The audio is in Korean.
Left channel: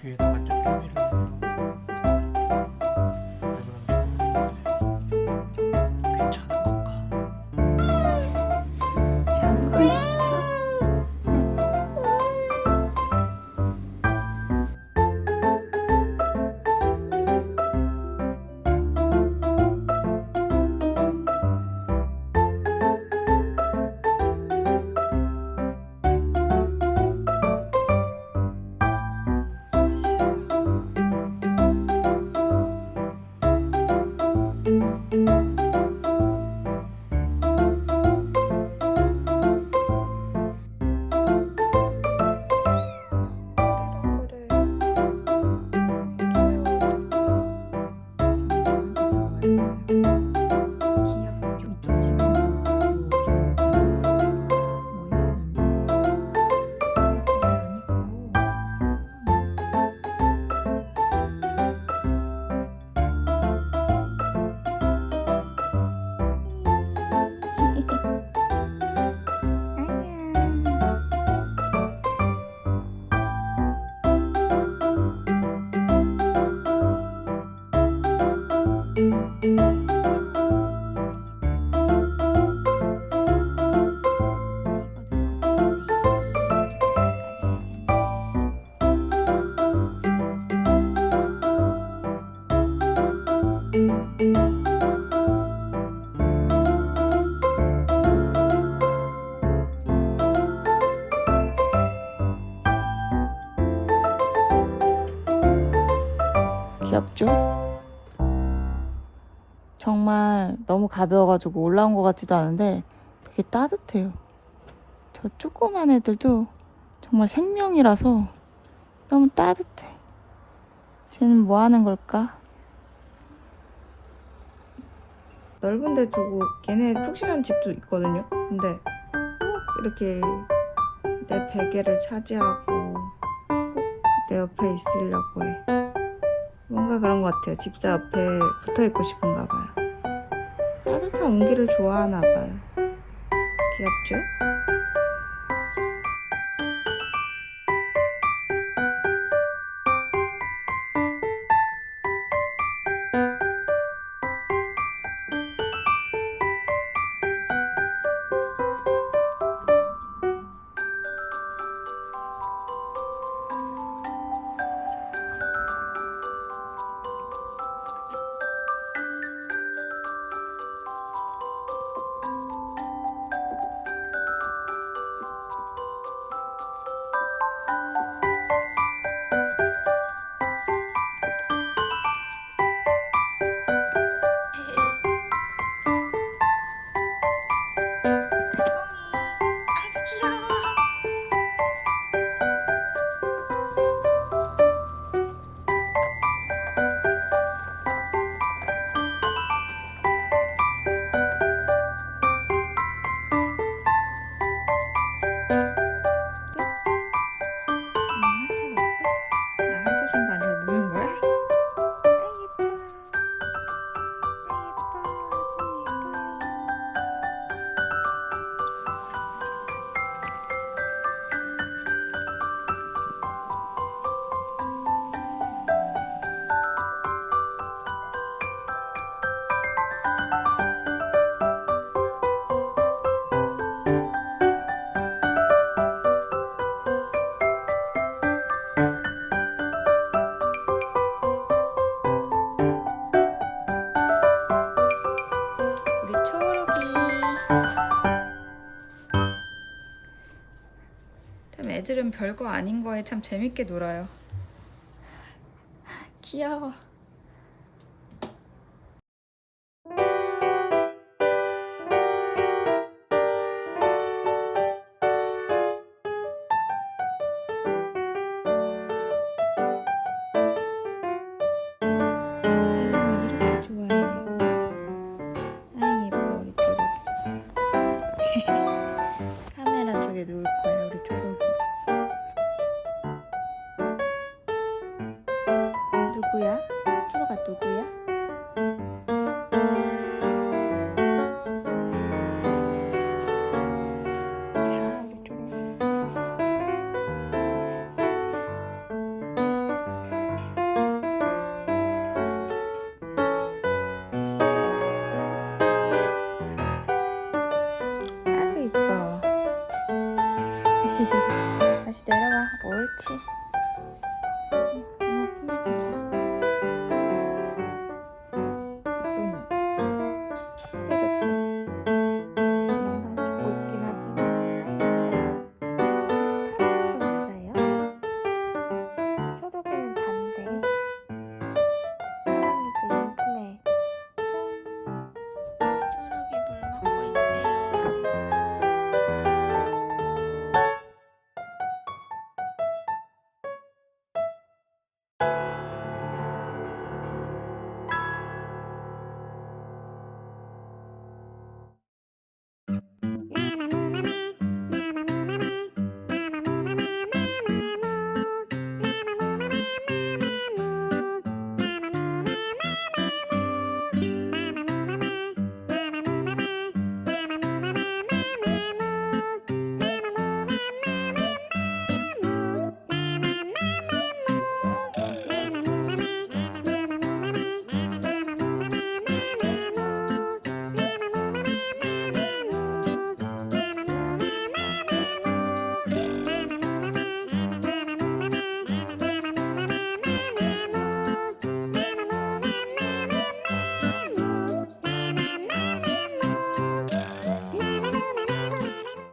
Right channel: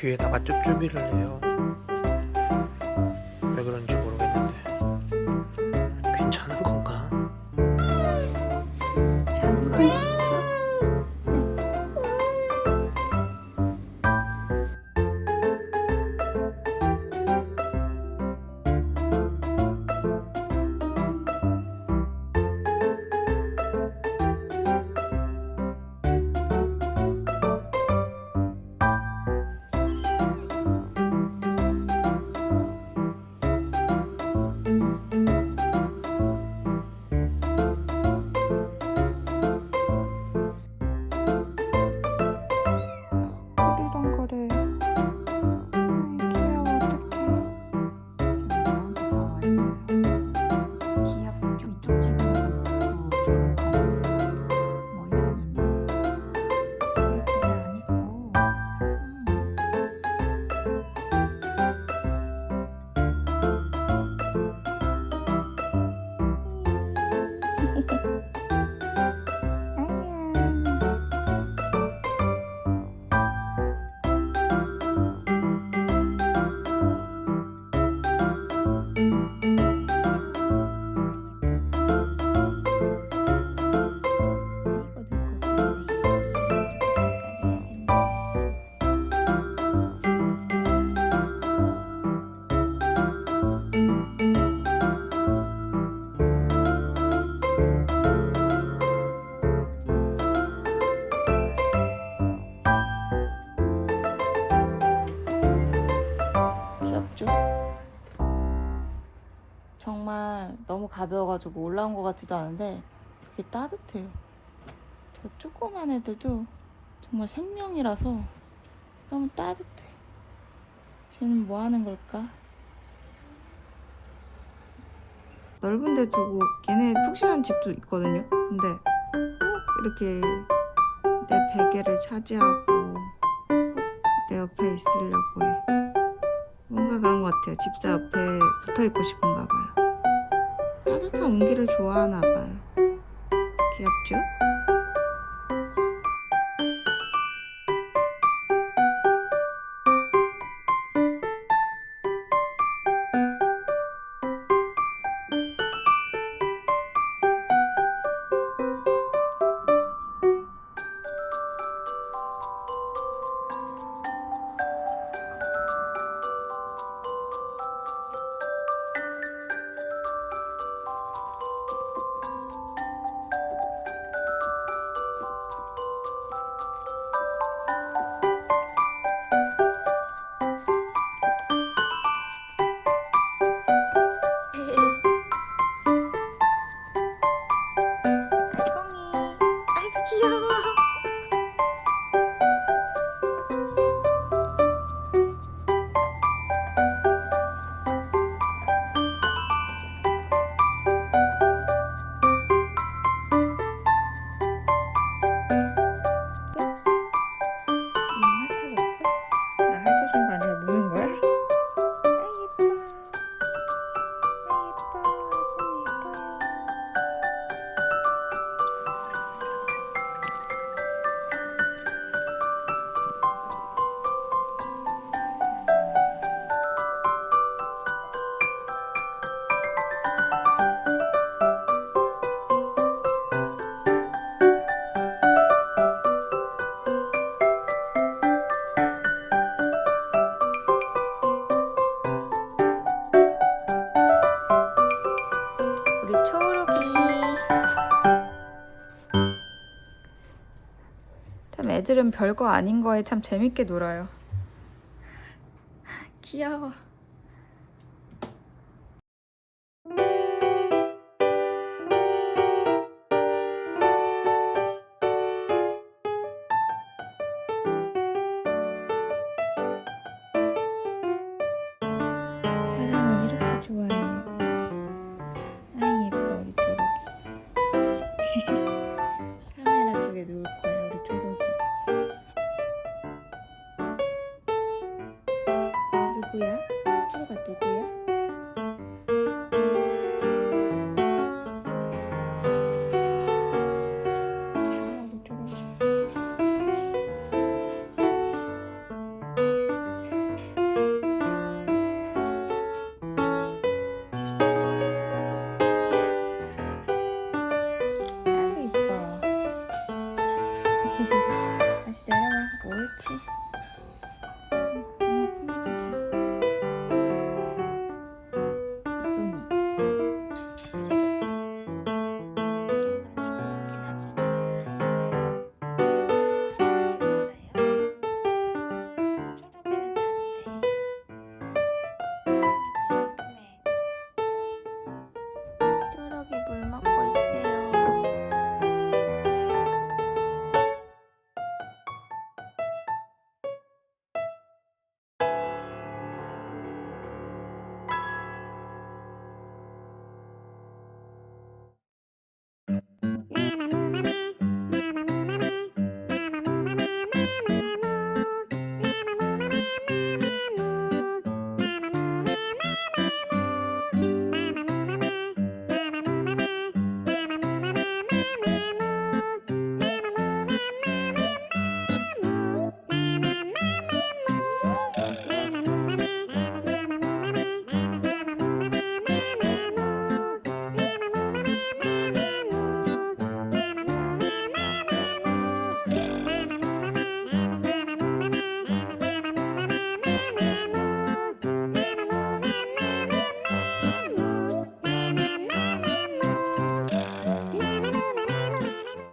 뒤에다가 쭈쭈비를 해요. 정말 너무 가벼워가지고 올라온 것 같지도 않은데 되게 따뜻해요. 저 조그만 애들도 정말 생명이라서 너무 따뜻해. 쟤는 뭐 하는 걸까? 넓은 데 두고 걔네 푹신한 집도 있거든요. 근데 꼭 이렇게 내 베개를 차지하고 꼭내 옆에 있으려고 해. 뭔가 그런 것 같아요. 집자 옆에 붙어 있고 싶은가 봐요. 따뜻한 온기를 좋아하나 봐요. 귀엽죠? 애들은 별거 아닌 거에 참 재밌게 놀아요. 귀여워 다시 내려와 옳지